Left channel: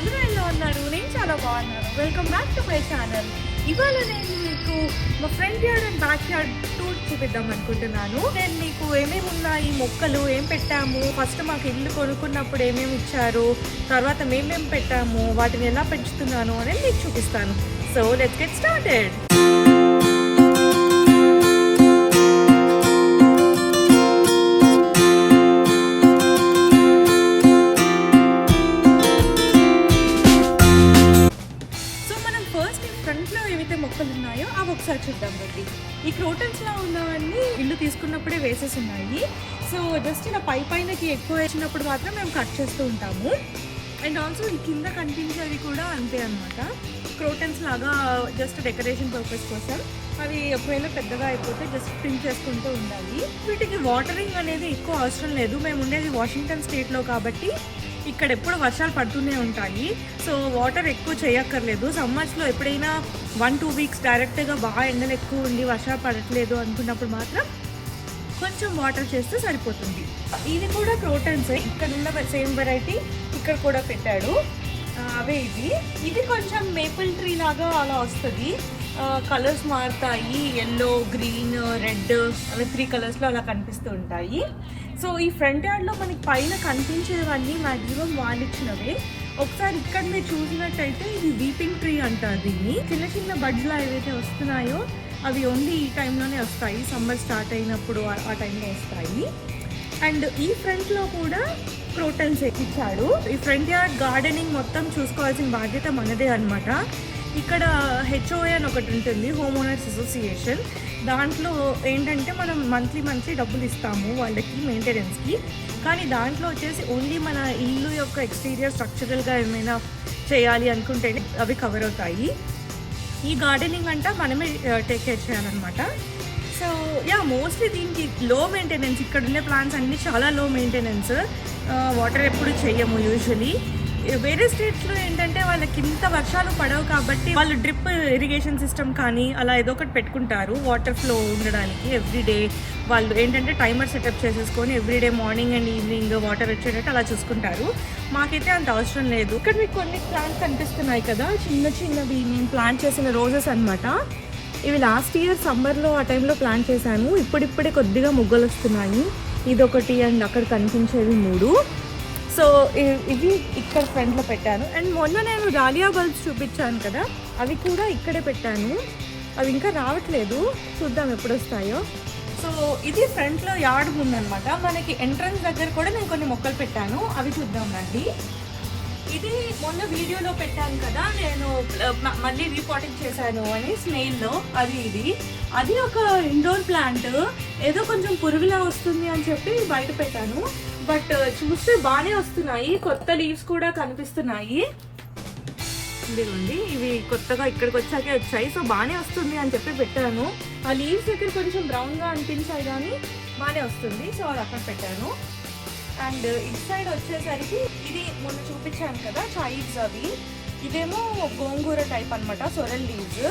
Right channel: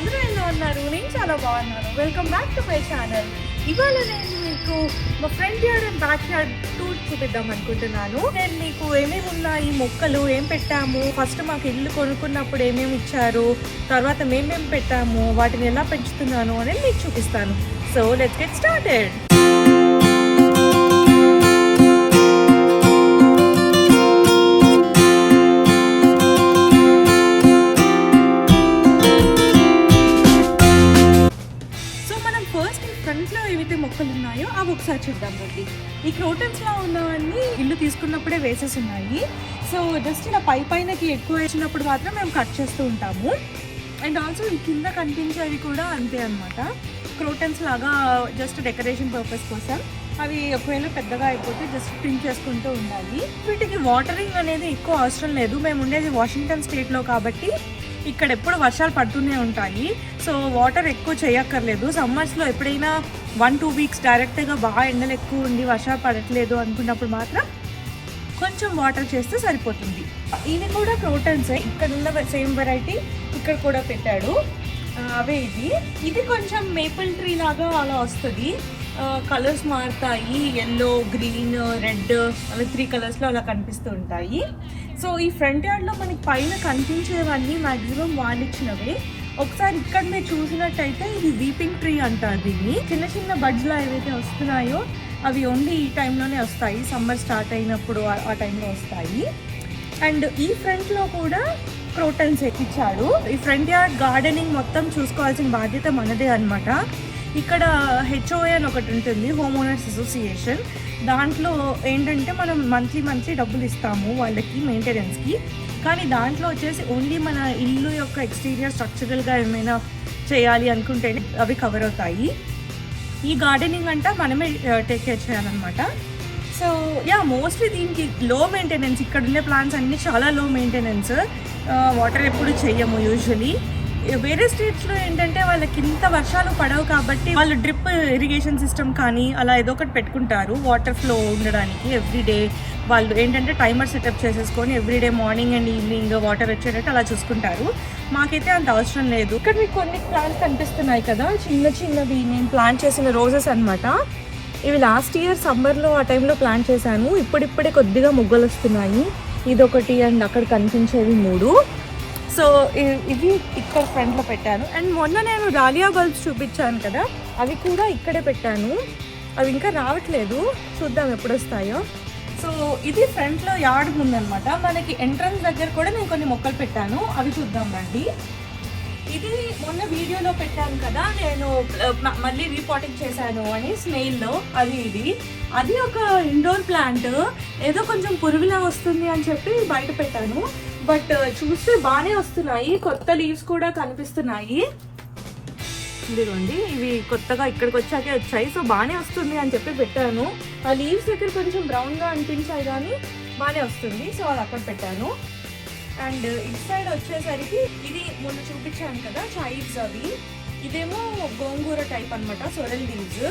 అందరూ ఎలా ఉన్నారు? నేను చాలా బాగున్నాను. Welcome back to my channel. ఇవాళ నేను మీకు మా front yard and back yard tour చూపిద్దాం అనుకుంటున్నాను. నేను మీకు ఏమేమి ఉన్నాయి, మొక్కలు ఏం పెట్టాము, ఫస్ట్ మాకు ఇల్లు కొనుక్కున్నప్పుడు ఏమేమి ఇచ్చారు, తర్వాత మేమేం పెట్టాము, వాటిని ఎలా పెంచుతున్నాను అనేది మీకు చూపిస్తాను. So let's get started. ఫ్రంట్లో ఏవైతే మొక్కలు ఉన్నాయో అవి ఒకసారి చూద్దాం రండి. ఈ క్రోటన్స్లో ఉన్నవన్నీ ఇల్లు తీసుకున్నప్పుడే వేసేసి ఉన్నాయి. సో జస్ట్ ఇలా పైనకి ఎక్కువ వేసినప్పుడు మాత్రం మేము కట్ చేస్తూ ఉంటాము. అండ్ ఆల్సో ఈ కింద కనిపించేవి కూడా అంతే అనమాట. క్రోటన్స్ లాగా జస్ట్ డెకరేషన్ పర్పస్ కోసం. అవి ఒకవేళ పెద్దగా అయిపోతే జస్ట్ ప్రింట్ చేసుకుంటూ ఉండాలి. వీటికి వాటరింగ్ అనేది ఎక్కువ అవసరం లేదు. మేము ఉండేది వాషింగ్టన్ స్టేట్లో కాబట్టి ఇక్కడ ఎప్పుడు వర్షాలు పడుతూనే ఉంటాయి. సో వాటర్ ఎక్కువ చేయక్కర్లేదు. సమ్మర్స్లో ఎప్పుడైనా 1-2 వీక్స్ డైరెక్ట్గా బాగా ఎండలు ఎక్కువ ఉండి వర్షాలు పడట్లేదు అనుకున్నప్పుడు మాత్రం కొంచెం వాటర్ చేస్తే సరిపోతుంది. ఇది కూడా క్రోటన్స్. ఇక్కడ ఉన్న సేమ్ వెరైటీ ఇక్కడ కూడా పెట్టాడు. అవే ఇది కొంచెం మేపుల్ ట్రీ లాగా అలా వస్తుంది. కలర్స్ మారుతాయి. ఎల్లో, గ్రీన్, రెడ్ అవి 3 కలర్స్లో అలా కనిపిస్తూ ఉంటాయి. సో ఈ ఫ్రంట్ యార్డ్లో మనకి పైన కనిపించేవన్నీ మ్యాక్సిమం వాళ్ళు ఇచ్చినవే. ఒకసారి ఇక్కడ మీరు చూసినట్టయితే ఇది వీపింగ్ ట్రీ అంటారు దీన్ని. చిన్న చిన్న బడ్స్లో ఏవైతే వస్తున్నాయో అవి ఓన్లీ ఈ టైంలోనే వస్తాయి. సమ్మర్ స్టార్ట్ అయినప్పుడు ఆ టైంలో వస్తాయి. అండ్ ఈ ఫ్రంట్లో కూడా క్రోటన్స్ ఇచ్చాడు. ఈ ఫ్రంట్ యార్డ్ గార్డెనింగ్ మొత్తం చూసుకోవాల్సిన బాధ్యత మనదే అనమాట. ఇక్కడ HOA అని ఒకటి ఉంటుంది, హోమ్ ఓనర్స్ అసోసియేషన్. దాంట్లో ఏంటంటే మనం మంత్లీ డబ్బులు ఇస్తాము వాళ్ళకి మెయింటెనెన్స్కి. కానీ దాంట్లో వచ్చేసి ఓన్లీ మన ఇల్లు యొక్క ఎక్స్టీరియర్ స్ట్రక్చరల్గా ఏమైనా చేయాలి అనుకుంటేనే అవి కవర్ అవుతాయి. ఈ గార్డెనింగ్ అంతా మనమే టేక్ కేర్ చేయాలన్నమాట. సో మోస్ట్లీ దీనికి లో మెయింటెనెన్స్. ఇక్కడ ఉండే ప్లాంట్స్ అన్నీ చాలా లో మెయింటెనెన్స్. వాటర్ ఎప్పుడు చెయ్యము యూజువలీ. వేరే స్టేట్స్లో ఏంటంటే వాళ్ళకి ఇంత వర్షాలు పడవు కాబట్టి వాళ్ళు డ్రిప్ ఇరిగేషన్ సిస్టమ్ కానీ అలా ఏదో ఒకటి పెట్టుకుంటారు వాటర్ ఫ్లో ఉండడానికి. ఎవ్రీడే వాళ్ళు ఏంటంటే టైమర్ సెటప్ చేసేసుకొని everyday morning and evening water వచ్చేటట్టు అలా చూసుకుంటారు. మాకైతే అంత అవసరం లేదు. ఇక్కడ మీకు కొన్ని ప్లాంట్స్ కనిపిస్తున్నాయి కదా, చిన్నవి నేను ప్లాంట్ చేసిన రోజెస్ అనమాట. ఇవి లాస్ట్ ఇయర్ సమ్మర్లో ఆ టైంలో ప్లాంట్ చేశాను. ఇప్పుడిప్పుడే కొద్దిగా మొగ్గలు వస్తున్నాయి. ఇదొకటి అండ్ అక్కడ కనిపించేవి 3. సో ఇవి ఇక్కడ ఫ్రంట్లో పెట్టాను. అండ్ మొన్న నేను డాలియా బల్బ్స్ చూపించాను కదా, అవి కూడా ఇక్కడే పెట్టాను. అవి ఇంకా రావట్లేదు, చూద్దాం ఎప్పుడు వస్తాయో. సో ఇది ఫ్రంట్లో యార్డ్ ఉందన్నమాట. మనకి ఎంట్రన్స్ దగ్గర కూడా నేను కొన్ని మొక్కలు పెట్టాను, అవి చూద్దాం రండి. ఇది మొన్న వీడియోలో పెట్టాను కదా, నేను మళ్ళీ రీపాటింగ్ చేశాను అని స్నేల్లో. అది ఒక ఇండోర్ ప్లాంట్. ఏదో కొంచెం పురుగులా వస్తుంది అని చెప్పి బయట పెట్టాను. బట్ చూస్తే బాగానే వస్తున్నాయి. కొత్త లీవ్స్ కూడా కనిపిస్తున్నాయి. ఇదిగోండి, ఇవి కొత్తగా ఇక్కడికి వచ్చాకే వచ్చాయి. సో బాగానే వస్తుంది అని చెప్పి పెట్టాను. ఆ లీవ్స్ దగ్గర కొంచెం బ్రౌన్గా అనిపించాయి కానీ బాగానే వస్తుంది. సో అది అక్కడ పెట్టాను. అండ్ ఇటు సైడ్ వచ్చేసరికి ఇది మొన్న చూపించాను కదా చైల్డ్స్, అవి ఇదేమో గోంగూర టైప్ అనమాట, సొరల్ లీవ్స్.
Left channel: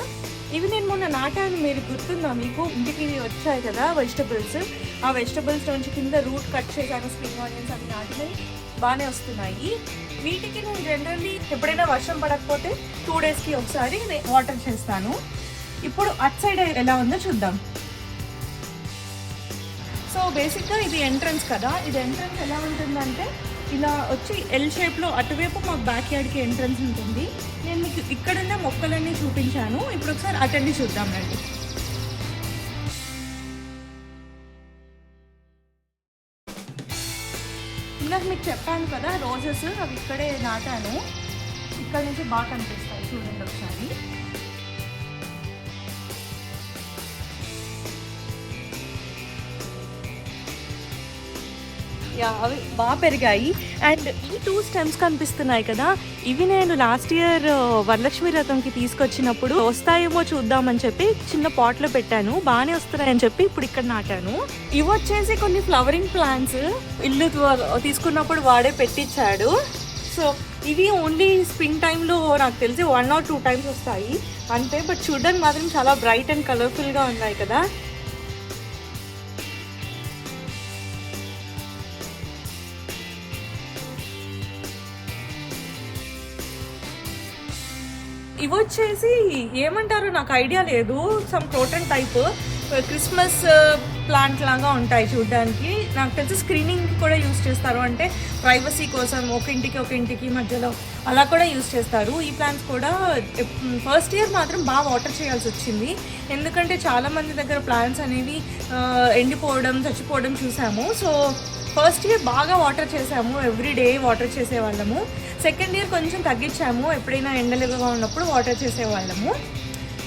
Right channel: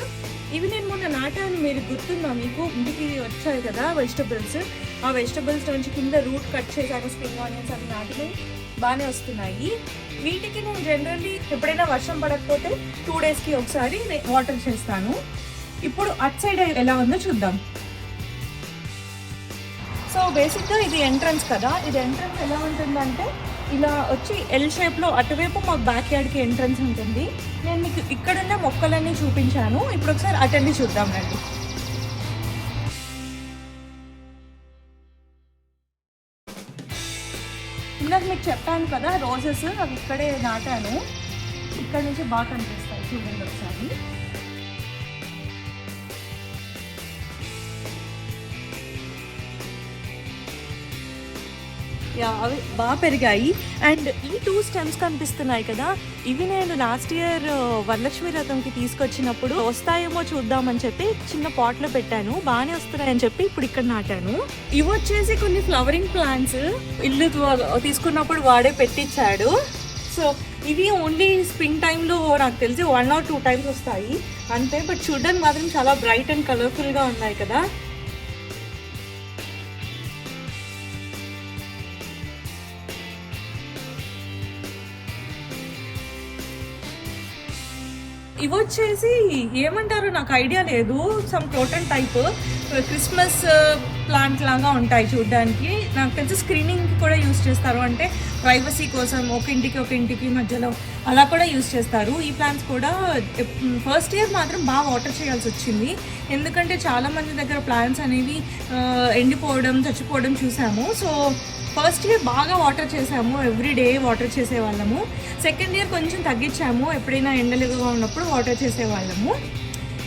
ఇవి నేను మొన్న నాటాను, మీరు గుర్తుందా మీకు? ఇంటికి వచ్చాయి కదా వెజిటబుల్స్, ఆ వెజిటబుల్స్ నుంచి కింద రూట్ కట్ చేశాను, స్ప్రింగ్ ఆనియన్స్ అవి నాటినాయి, బాగానే వస్తున్నాయి. వీటికి నేను జనరల్లీ ఎప్పుడైనా వర్షం పడకపోతే 2 డేస్కి ఒకసారి వాటర్ చేస్తాను. ఇప్పుడు అట్ సైడ్ ఎలా ఉందో చూద్దాం. సో బేసిక్గా ఇది ఎంట్రన్స్ కదా, ఇది ఎంట్రన్స్ ఎలా ఉంటుందంటే ఇలా వచ్చి ఎల్ షేప్లో అటువైపు మా బ్యాక్ యార్డ్కి ఎంట్రన్స్ ఉంటుంది. నేను ఇక్కడున్న మొక్కలన్నీ చూపించాను. ఇప్పుడు ఒకసారి అటెండి చూద్దాం రండి. ఇందాక మీకు చెప్పాను కదా రోజెస్, అవి ఇక్కడే నాటాను. ఇక్కడ నుంచి బాగా కనిపిస్తాయి, చూడండి ఒకసారి. అవి బాగా పెరిగాయి. అండ్ ఈ 2 స్టెమ్స్ కనిపిస్తున్నాయి కదా, ఇవి నేను లాస్ట్ ఇయర్ వరలక్ష్మి రథంకి తీసుకొచ్చినప్పుడు వస్తాయేమో చూద్దామని చెప్పి చిన్న పాట్లో పెట్టాను. బాగానే వస్తున్నాయని చెప్పి ఇప్పుడు ఇక్కడ నాటాను. ఇవి వచ్చేసి కొన్ని ఫ్లవరింగ్ ప్లాంట్స్ ఇల్లు తీసుకున్నప్పుడు వాడే పెట్టించాడు. సో ఇవి ఓన్లీ స్ప్రింగ్ టైంలో నాకు తెలిసి 1 or 2 టైమ్స్ వస్తాయి అంతే. బట్ చూడడానికి మాత్రం చాలా బ్రైట్ అండ్ కలర్ఫుల్గా ఉన్నాయి కదా. ఇవి వచ్చేసి ఏమంటారో నాకు ఐడియా లేదు, some croton type Christmas plant లాగా ఉంటాయి చూడడానికి. నాకు తెలిసి స్క్రీనింగ్ కూడా యూస్ చేస్తారు, అంటే ప్రైవసీ కోసం ఒక ఇంటికి మధ్యలో అలా కూడా యూస్ చేస్తారు. ఈ ప్లాంట్స్ కూడా ఫస్ట్ ఇయర్ మాత్రం బాగా వాటర్ చేయాల్సి వచ్చింది, ఎందుకంటే చాలా మంది దగ్గర ప్లాంట్స్ అనేవి ఎండిపోవడం చచ్చిపోవడం చూసాము. సో ఫస్ట్ ఇయర్ బాగా వాటర్ చేసాము, ఎవ్రీడే వాటర్ చేసేవాళ్ళము. సెకండ్ ఇయర్ కొంచెం తగ్గించాము, ఎప్పుడైనా ఎండలుగా ఉన్నప్పుడు వాటర్ చేసేవాళ్ళము.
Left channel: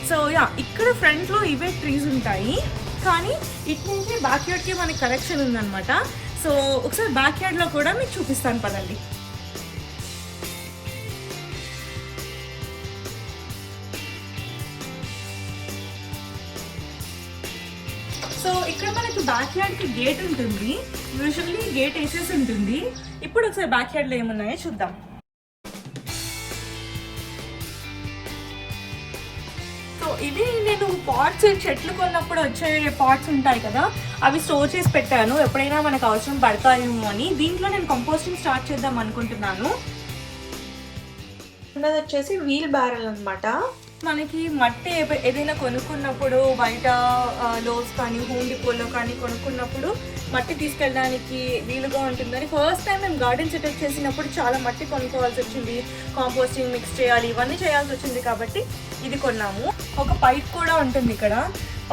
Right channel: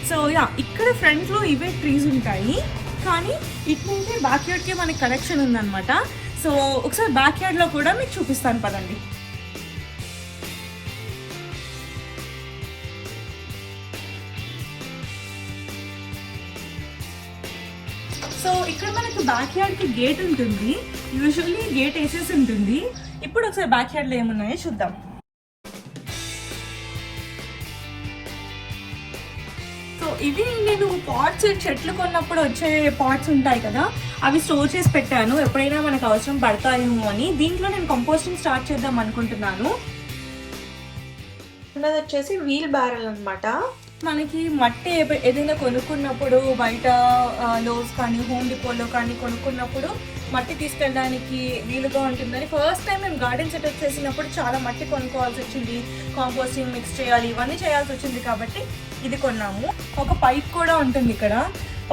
సో యా, ఇక్కడ ఫ్రంట్లో ఇవే ట్రీస్ ఉంటాయి, కానీ ఇట్నుంటే బ్యాక్ యార్డ్కి మనకి కనెక్షన్ ఉందన్నమాట. సో ఒకసారి బ్యాక్ యార్డ్లో కూడా మీకు చూపిస్తాను పదండి. సో ఇక్కడ మనకి బ్యాక్ యార్డ్కి గేట్ ఉంటుంది, యూజువల్లీ గేట్ వేసేసి ఉంటుంది. ఇప్పుడు ఒకసారి బ్యాక్ యార్డ్లో ఏమున్నాయో చూద్దాం. ఇవి నేను పాట్స్ చెట్లు కొన్నప్పుడు వచ్చే పాట్స్ ఉంటాయి కదా, అవి స్టోర్ చేసి పెట్టాను, ఎప్పుడైనా మనకు అవసరం పడతాయేమో అని. దీంట్లో నేను కంపోస్టింగ్ స్టార్ట్ చేద్దాం అనుకుంటున్నాను. ఉన్నది వచ్చేసి వీల్ బ్యారెల్ అనమాట. మనకి మట్టి ఏదైనా కొనుక్కున్నప్పుడు బయట లోస్ కానీ హోమ్ డిపోలో కానీ కొనుక్కున్నప్పుడు మట్టి తీసుకెళ్ళడానికి వీలుగా ఉంటుందని ఫస్ట్ టైం మేము గార్డెన్ సెటప్ చేసినప్పుడు చాలా మట్టి కొనుక్కోవాల్సి వచ్చింది, కాంపోస్టింగ్ మిక్స్ చేయాలి, ఇవన్నీ చేయాల్సి వచ్చింది. కాబట్టి ఇది కొన్నాము. ఒక పైప్ కూడా ఉంటుంది ఇక్కడ,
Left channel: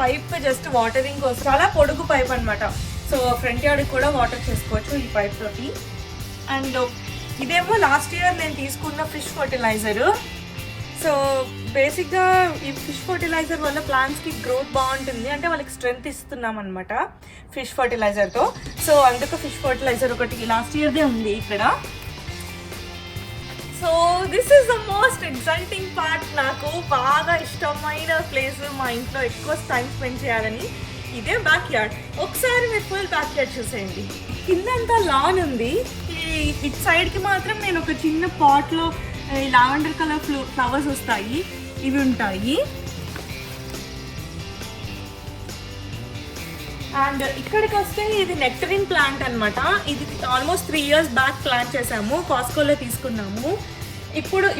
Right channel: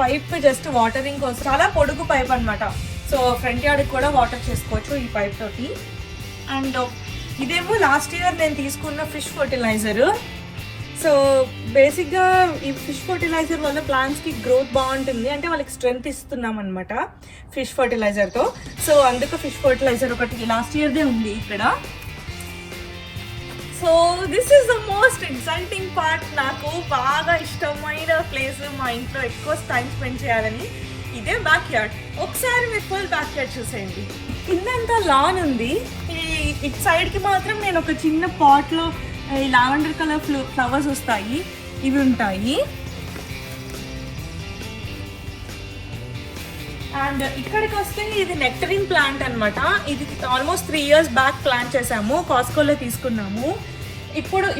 పైప్ జస్ట్ వాటరింగ్ కోసం, చాలా పొడుగు పైప్ అనమాట. సో ఫ్రంట్ యార్డ్కి కూడా వాటర్ చేసుకోవచ్చు ఈ పైప్ తోటి. అండ్ ఇదేమో లాస్ట్ ఇయర్ నేను తీసుకున్న ఫిష్ ఫర్టిలైజరు. సో బేసిక్గా ఈ ఫిష్ ఫర్టిలైజర్ వల్ల ప్లాంట్స్కి గ్రోత్ బాగుంటుంది, అంటే వాళ్ళకి స్ట్రెంగ్త్ ఇస్తున్నాం అనమాట ఫిష్ ఫర్టిలైజర్తో. సో అందుకు ఫిష్ ఫర్టిలైజర్ ఒకటి లాస్ట్ ఇయర్దే ఉంది ఇక్కడ. So this is the most exciting part, నాకు బాగా ఇష్టమైన ప్లేస్, మా ఇంట్లో ఎక్కువ టైం స్పెండ్ చేయాలని. ఇదే బ్యాక్ యార్డ్. ఒకసారి మీరు పోయి బ్యాక్ యార్డ్ చూసేయండి. కిందంతా లాన్ ఉంది, ఇటు సైడ్కి మాత్రం నేను ఒక చిన్న పాట్లో లావెండర్ కలర్ ఫ్లవర్స్ వస్తాయి, ఇవి ఉంటాయి. అండ్ ఇక్కడికి వస్తే ఇది నెక్టరిన్ ప్లాంట్ అనమాట. ఇది ఆల్మోస్ట్ 3 years బ్యాక్ ప్లాంట్ చేసాము, కాస్కోలో తీసుకున్నాము.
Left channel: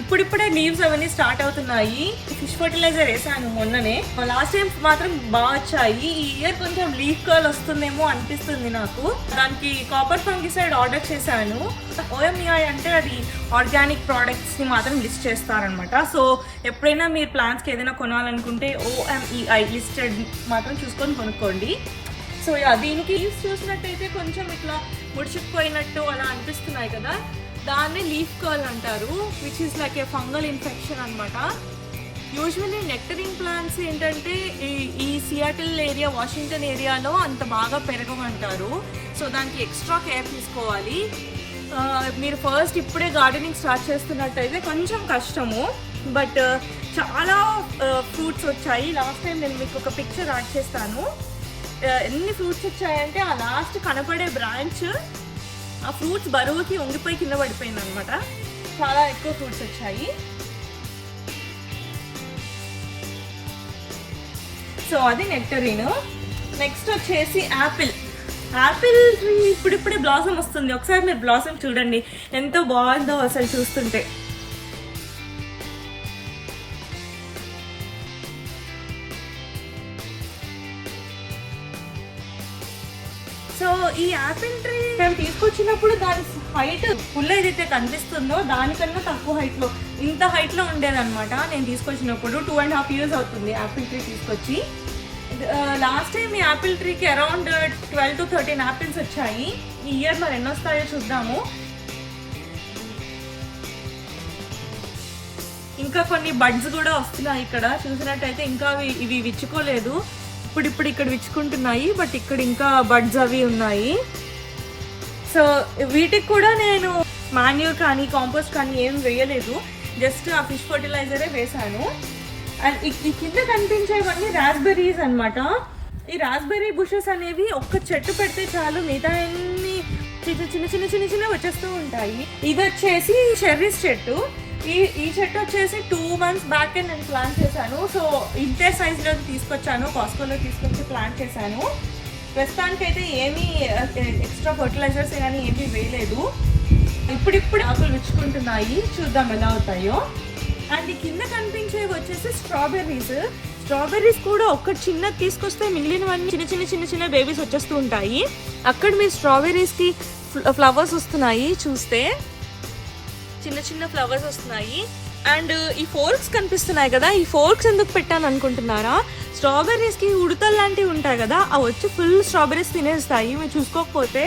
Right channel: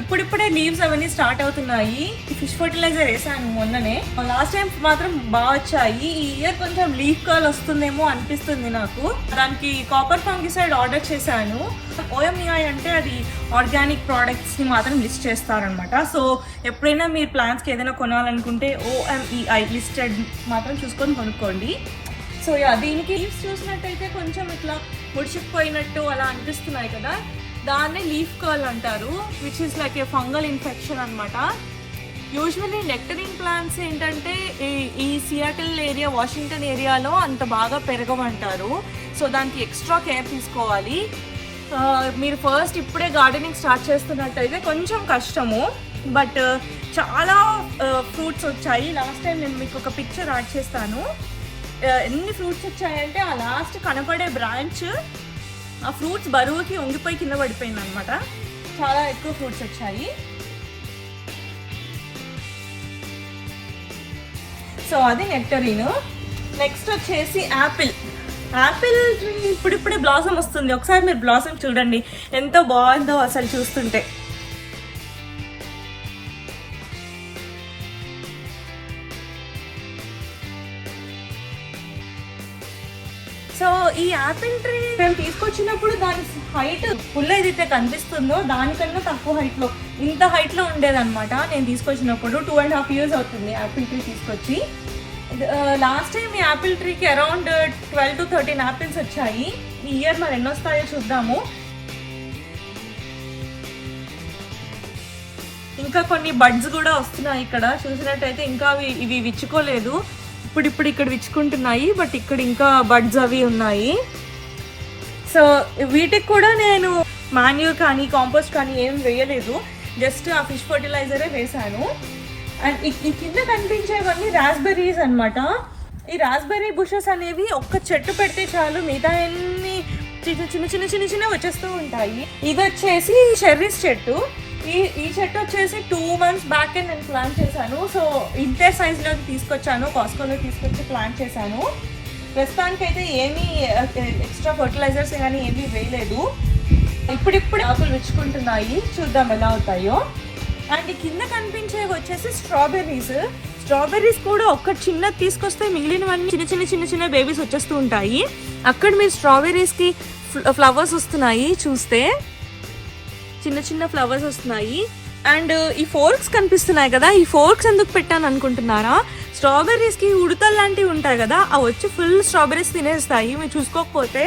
ఇప్పుడిప్పుడే లీవ్స్ అవన్నీ స్టార్ట్ అవుతున్నాయి. ఫిష్ ఫర్టిలైజర్ వేసాను మొన్ననే, లాస్ట్ టైం మాత్రం బాగా వచ్చాయి. ఈ ఇయర్ కొంచెం లీఫ్ కర్ల్ వస్తుందేమో అనిపిస్తుంది నాకు. దానికి కాపర్ ఫంగిసైడ్ ఆర్డర్ చేశాను. OMEI అంటే అది ఆర్గానిక్ ప్రోడక్ట్స్ని మాత్రం లిస్ట్ చేస్తారనమాట. సో ఎప్పుడైనా మీరు ప్లాంట్స్కి ఏదైనా కొనాలనుకుంటే OMEI లిస్టెడ్ మాత్రం చూసుకొని కొనుక్కోండి. సో దీనికి లీవ్స్ చూసినట్టయితే కొంచెం ఇట్లా ముడిచిపోయినట్టు అలా అనిపిస్తున్నాయి కదా, దాన్నే లీఫ్ కర్ల్ అంటారు, which is like A fungal infection అనమాట. యూజువల్లీ నెక్టరింగ్ ప్లాంట్స్ ఏంటంటే ఈ సియాటిల్ ఏరియా, వాషింగ్టన్ ఏరియాలో అంత బాగా పెరగమంటారు. సో దానికి ఎక్స్ట్రా కేర్ తీసుకోవాలి. మీరు ఫస్ట్ ఇప్పుడే గార్డెనింగ్ స్టార్ట్ చేస్తున్నట్టయితే కొంచెం కష్టము, బట్ చాలా ఫ్రూట్స్ వచ్చాయి. లాస్ట్ టైం నేను మీకు ఒక పిక్చర్ యాడ్ చేస్తాను. ఎన్ని ఫ్రూట్స్ వచ్చాయంటే ఆ లాస్ట్ కనపడే బ్రాంచ్ ఆ ఫ్రూట్స్ బరువుకి ఉంగిపోయి కింద పడిపోయింది అనమాట. చాలా ఎక్కువ ఫ్రూట్స్ వచ్చాయి. సో అది నెక్టరీన్. నెక్స్ట్ వచ్చేసి యాపిల్. యాపిల్ ఇప్పుడిప్పుడే బ్లాసమ్ వస్తుంది. ఒకసారి మీరు బ్లాసమ్ చూడండి, ఎంతో బాగుందో అసలు చూస్తుంటే. సో ఈ యాపిల్ ట్రీ మేము తీసుకొచ్చినప్పుడు దాని హైట్ ఫుల్ ఏదైతే కనిపిస్తుందో దానికన్నా తక్కువ హైట్లో, ఇంత హైట్లో ఉండేదన్నమాట. నేను తీసుకొచ్చినప్పుడు 2.5 years అవుతుంది యాపిల్ ట్రీ తీసుకొచ్చి. లాస్ట్ టైం ఈ యాపిల్ ట్రీకి అరౌండ్ 12 to 13 యాపిల్స్ వచ్చాయి. ఈ ఇయర్ మరి ఎన్ని వస్తాయో చూద్దాము. ఇంకా కొన్ని బడ్స్ కూడా వస్తున్నాయి ఇక్కడ చూసినట్టయితే. ఇంకా ఇవి విచ్చుకోలేదు, ఇప్పుడు ఇక్కడ విచ్చుకుంటున్నాయి, బట్ ఇక్కడ ఇంకా బడ్స్ అవి ఉన్నాయి. సో వీటికి కూడా నేను మాన్యూర్ కానీ కాంపోస్ట్ కానీ ఏం వేయలేదు, జస్ట్ ఆ ఫిష్ ఫర్టిలైజరే వేసాను. అండ్ ఈ కింద కనిపించేవన్నీ రాస్బెర్రీస్ అనమాట. ఈ రాస్బెర్రీ బుషెస్ అనేవి ఒక్క చెట్టు పెడితే చాలు, మిగతా అన్ని చిన్న వచ్చేస్తూ ఉంటాయి. ఇది వచ్చేసి చెర్రీస్ చెట్టు. ఈ చెట్టు వచ్చేసి 2 months బ్యాక్ నేను ప్లాంట్ చేశాను. సో ఇంతే సైజులో తీసుకొచ్చాను, కాస్కోలో తీసుకొచ్చి ప్లాంట్ చేశాను. ప్రస్తుతానికి అయితే ఏమీ ఎక్స్ట్రా ఫర్టిలైజర్స్ కానీ ఏమీ వేయలేదు. ఇప్పుడిప్పుడు ఆకులు విచ్చుకుంటున్నాయి, చూద్దాం ఎలా అవుతాయో. అండ్ కింద కనిపించేవి వచ్చేసి స్ట్రాబెర్రీస్ కూడా ఒక్క చిన్నది తీసుకొస్తే మిగిలినవన్నీ చిన్న చిన్న బేబీస్ వచ్చేస్తూ ఉంటాయి. అక్కడ మీరు స్ట్రాబెర్రీస్కి ఫ్లవర్స్ వస్తున్నాయి, చూస్తే చిన్న ఫ్లవర్స్ వస్తున్నాయి. అండ్ ఈ ఫోర్క్స్ కనిపిస్తున్నాయి కదా, ఈ ఫోర్క్స్ ఎందుకు పెట్టాను అనుకుంటున్నారా? స్ట్రాబెర్రీస్కి ఉడతలు లాంటివి ఉంటాయి కదా, అవి వచ్చి ఫుల్ స్ట్రాబెర్రీస్ తినేస్తాయి. మీరు చూసుకోకపోతే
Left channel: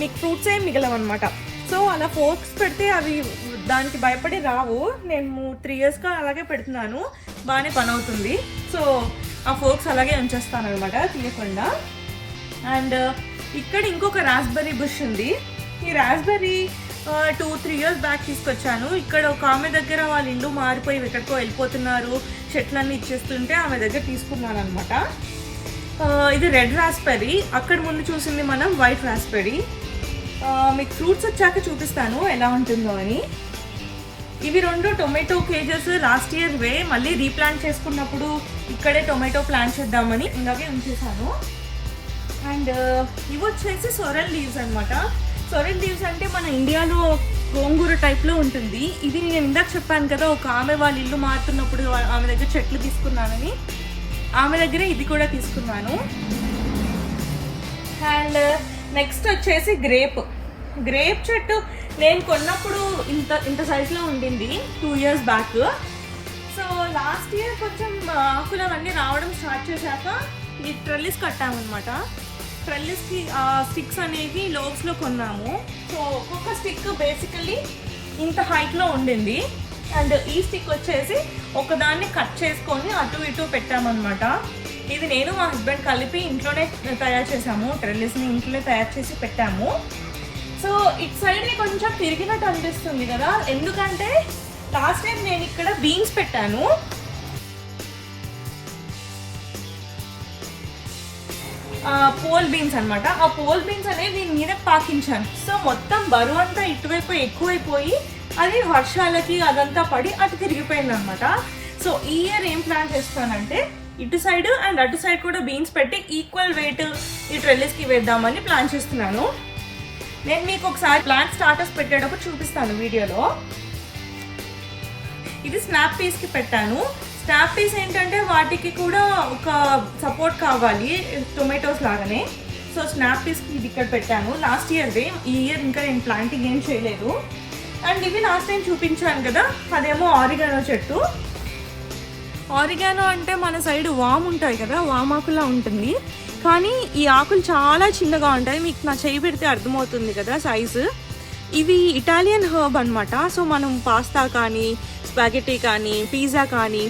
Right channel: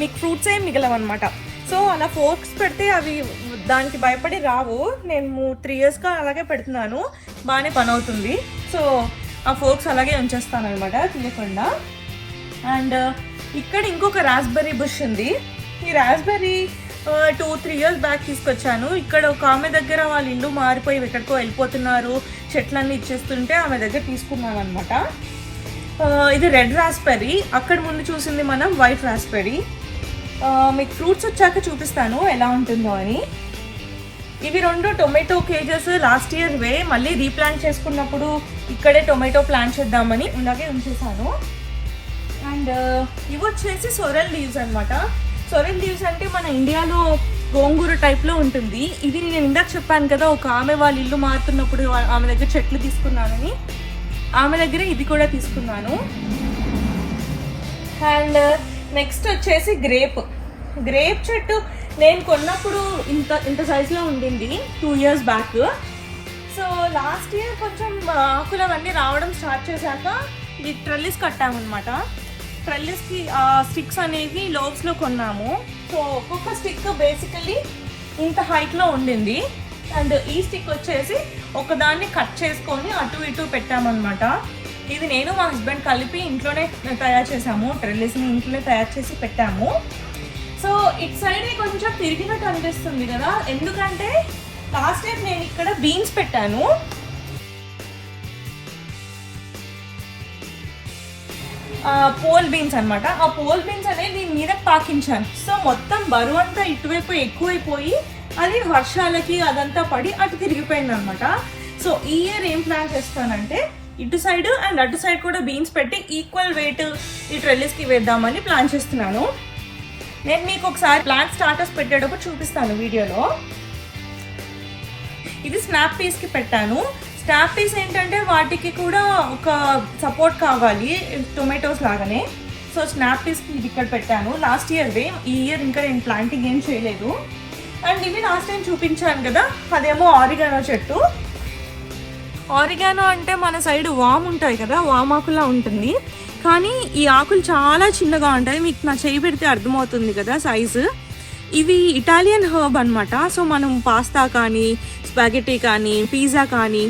మీకు ఫ్రూట్స్ ఏం మిగలవన్నమాట. సో అలా ఫోర్క్స్ పెడితే అవి దానికి భయపడి రావు. నేను 3 yearsగా అలాగే పెడుతున్నాను, బాగానే పని అవుతుంది. సో ఆ ఫోర్క్స్ అలాగే ఉంచేస్తాను అనమాట తీయకుండా. అండ్ ఇక్కడ ఇంకొక రాస్బెర్రీ బుష్ ఉంది. ఈ రాస్బెర్రీ 2-3 years బ్యాక్ తీసుకొచ్చాను. ఇక్కడ ఒక ఆమె దగ్గర వాళ్ళ ఇల్లు మారిపోయి ఎక్కడికో వెళ్ళిపోతున్నారు, చెట్లన్నీ ఇచ్చేస్తుంటే ఆమె దగ్గర తీసుకున్నాను అనమాట. ఇది రెడ్ రాస్బెర్రీ, అక్కడ ముందు చూసింది మనం వైట్ రాస్బెర్రీ. మీకు ఫ్రూట్స్ వచ్చాక చూపిస్తాను ఎలా ఉంటుందో అని. ఇవి 2 టొమాటో కేజెస్ లాస్ట్ ఇయర్ మళ్ళీ రీప్లాంట్ చేసుకున్నప్పుడు ఇక్కడే టొమాటో ప్లాంట్ చేద్దామని ఇలాగే ఉంచేసాను. అండ్ ఇవి వచ్చేసి సొరల్ లీవ్స్ అనమాట. సొరల్ లీవ్స్ అంటే మన ఇండియాలో గోంగూర టైప్లో ఉంటుంది. ఇది నేను ఇందాక చెప్పాను కదా, ఒక ఆమె వాళ్ళ ఇల్లు మారుతున్నప్పుడు ఆమె దగ్గర చెట్లు తీసుకున్నానని, ఆమె దగ్గర ఇది కూడా తీసుకున్నాను. అండ్ నెక్స్ట్ వచ్చేసి గ్రేప్ చెట్టు నేను కొన్నప్పుడు ఇంత సైజులో ఉండింది 2 years back. So last year కొంచెం ఆకులు అవన్నీ రావడం స్టార్ట్ చేశాక ఈ ట్రెల్లిస్ కట్టామన్నమాట. ట్రెల్లిస్కి స్టిక్స్ అనేవి లోబ్స్లో కొన్నాము. సో ఒక్కొక్క స్టిక్ బేసికలీ ఇంత హైట్లో ఉండింది. అండ్ ఈ స్టిక్ వచ్చేసి ఒకదాన్ని కట్ చేసుకొని అటు ఇటు పెట్టామన్నమాట. ఇది నేను మా హస్బెండ్ కలిపి ఇంట్లోనే తయారు చేసాము. ట్రెల్లిస్ని ఇంట్లోనే తయారు చేసి పెట్టాము. సో ఇటు సైడ్ కొంచెం తిరిగినట్టు అనిపిస్తుంది కదా, ఎందుకంటే లాస్ట్ టైం నేను ఇక్కడ బీన్స్ పెట్టాను. పోల్ బీన్స్ అనమాట. ఆ పోల్ బీన్స్ అనేది నేను మీద పాకించాను. సో మొత్తం బరువు అంతా ఇటువైపు ఎక్కువైపోయి అది వర్షాలకి అదంతా పడి అటు తిరిగిపోయింది అనమాట. సో ఈ ఇయర్ ఏం ప్లాన్ చేస్తానంటే ఇటు సైడ్ అండ్ అటు సైడ్ కూడా బీన్స్ పెట్టి ఈక్వల్ వెయిట్ ఈ ట్రెల్లిస్కి వేద్దామని ప్లాన్ చేస్తున్నాను. నేను మీకు ఒకసారి ప్లాంట్ స్టార్టర్స్ పెట్టేటప్పుడు చూపిస్తాను వీడియోలో. ఇది స్నాప్ పీస్కి పెట్టాను. స్నాప్ పీస్ ఏంటంటే వాటికి కూడా ఒక సపోర్ట్ కావాలి టొమాటోస్ లాగానే. సో స్నాప్ పీస్కి ఇది ఇక్కడ పెట్టాను. లాస్ట్ ఇయర్వే, ఈ ఇయర్ ఇంకా నేను ప్లాంటింగ్ ఏం చేయలేదు. అండ్ ఇవి లాస్ట్ టైం చూపించాను కదా, అదేమో ఆరిగానో చెట్టు. ఆరిగానో అంటే మన సైడ్ వామ్ ఉంటాయి కదా, వామ్ ఆకులా ఉంటుంది, కానీ ఈ ఆకులు చాలా చిన్నగా ఉంటాయి. మీకు నా చేయి పెడితే అర్థమవుతుంది కదా సైజు. ఇవి ఇటాలియన్ హర్బ్ అనమాట. సో మనం పాస్తా కానీ, స్పాగెటీ కానీ, పిజ్జా కానీ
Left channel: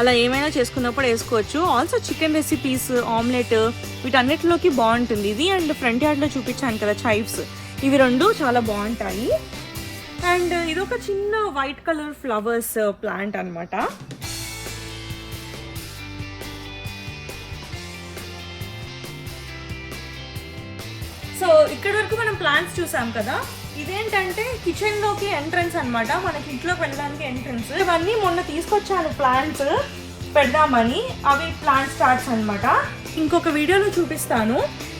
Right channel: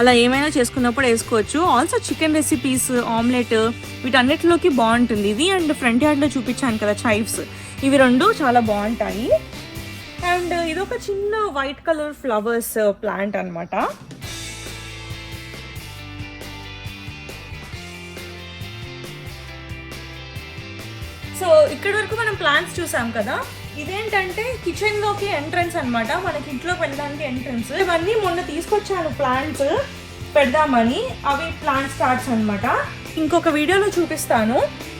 అలా ఏమైనా చేసుకున్నప్పుడు వేసుకోవచ్చు. ఆల్సో చికెన్ రెసిపీస్, ఆమ్లెట్ వీటన్నిటిలోకి బాగుంటుంది ఇది. అండ్ ఫ్రంట్ యార్డ్లో చూపించాను కదా చైవ్స్, ఇవి 2 చాలా బాగుంటాయి. అండ్ ఇదొక చిన్న వైట్ కలర్ ఫ్లవర్స్ ప్లాంట్ అనమాట. సో ఇక్కడ వరకు మనం ప్లాంట్స్ చూసాం కదా. ఇదేంటంటే కిచెన్ లోకి ఎంట్రన్స్ అనమాట, మనకి ఇంట్లోకి వెళ్ళడానికి ఎంట్రన్స్. ఇవన్నీ మొన్న తీసుకొచ్చాను ప్లాంట్స్ పెడదామని, అవి ప్లాంట్ స్టార్ట్స్ అనమాట. ఇంకొక వీడియోలో చూపిస్తాను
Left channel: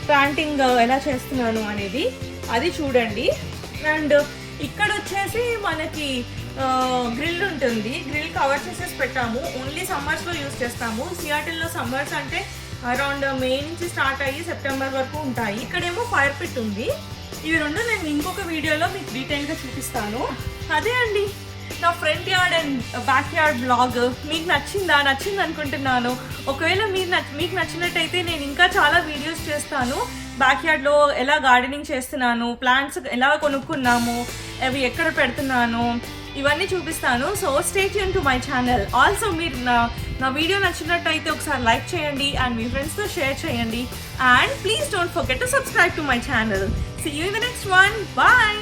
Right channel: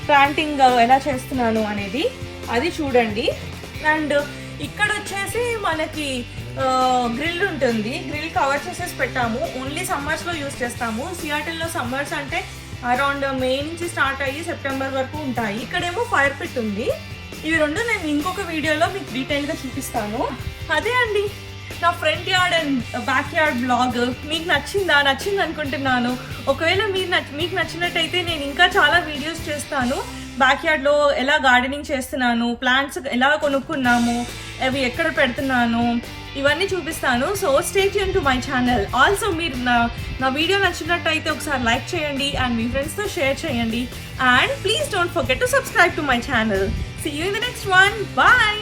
ప్లాంటింగ్ ఎలా చేస్తున్నాను అనేది, అది చూడండి. అండ్ ఇక్కడ వచ్చేసి మనకి గ్రిల్ ఉంటుంది, గ్రిల్ కవర్ చేసేసి పెట్టాము. ఓన్లీ సమ్మర్స్లో యూజ్ చేస్తాము. సియాటిల్లో సమ్మర్స్ అంటే అరౌండ్ మే నుంచి స్టార్ట్ అయ్యి సెప్టెంబర్ వరకు ఉంటాయి. ఇక్కడేమో ఫైర్ పిట్ ఉంది. ఇవి 2 నేను ఇంకొక వీడియోలో మీకు డీటెయిల్గా చూపిస్తాను. అదే అండి నా front yard and back yard blog. మీకు నచ్చింది అనుకుంటున్నాను. ఒకవేళ మీకు నచ్చినట్టయితే నేను ఇంకా చాలా వీడియోస్ చేస్తాను. బ్యాక్ యార్డ్లో ఎలా గార్డెనింగ్ చేస్తున్నాను, ప్లాంట్స్ ఎలా కొనుక్కున్నాము, అవి ఎక్కడ పెడుతున్నాను, ఇవన్నీ చూపిస్తాను. So stay tune to my channel. Also మీరు నా వీడియో నచ్చినట్టయితే ఒకసారి లైక్ చేయండి అండ్ మీ ఫ్రెండ్స్తో షేర్ చేయండి. And please don't forget to subscribe to my channel. See you in the next one. Bye.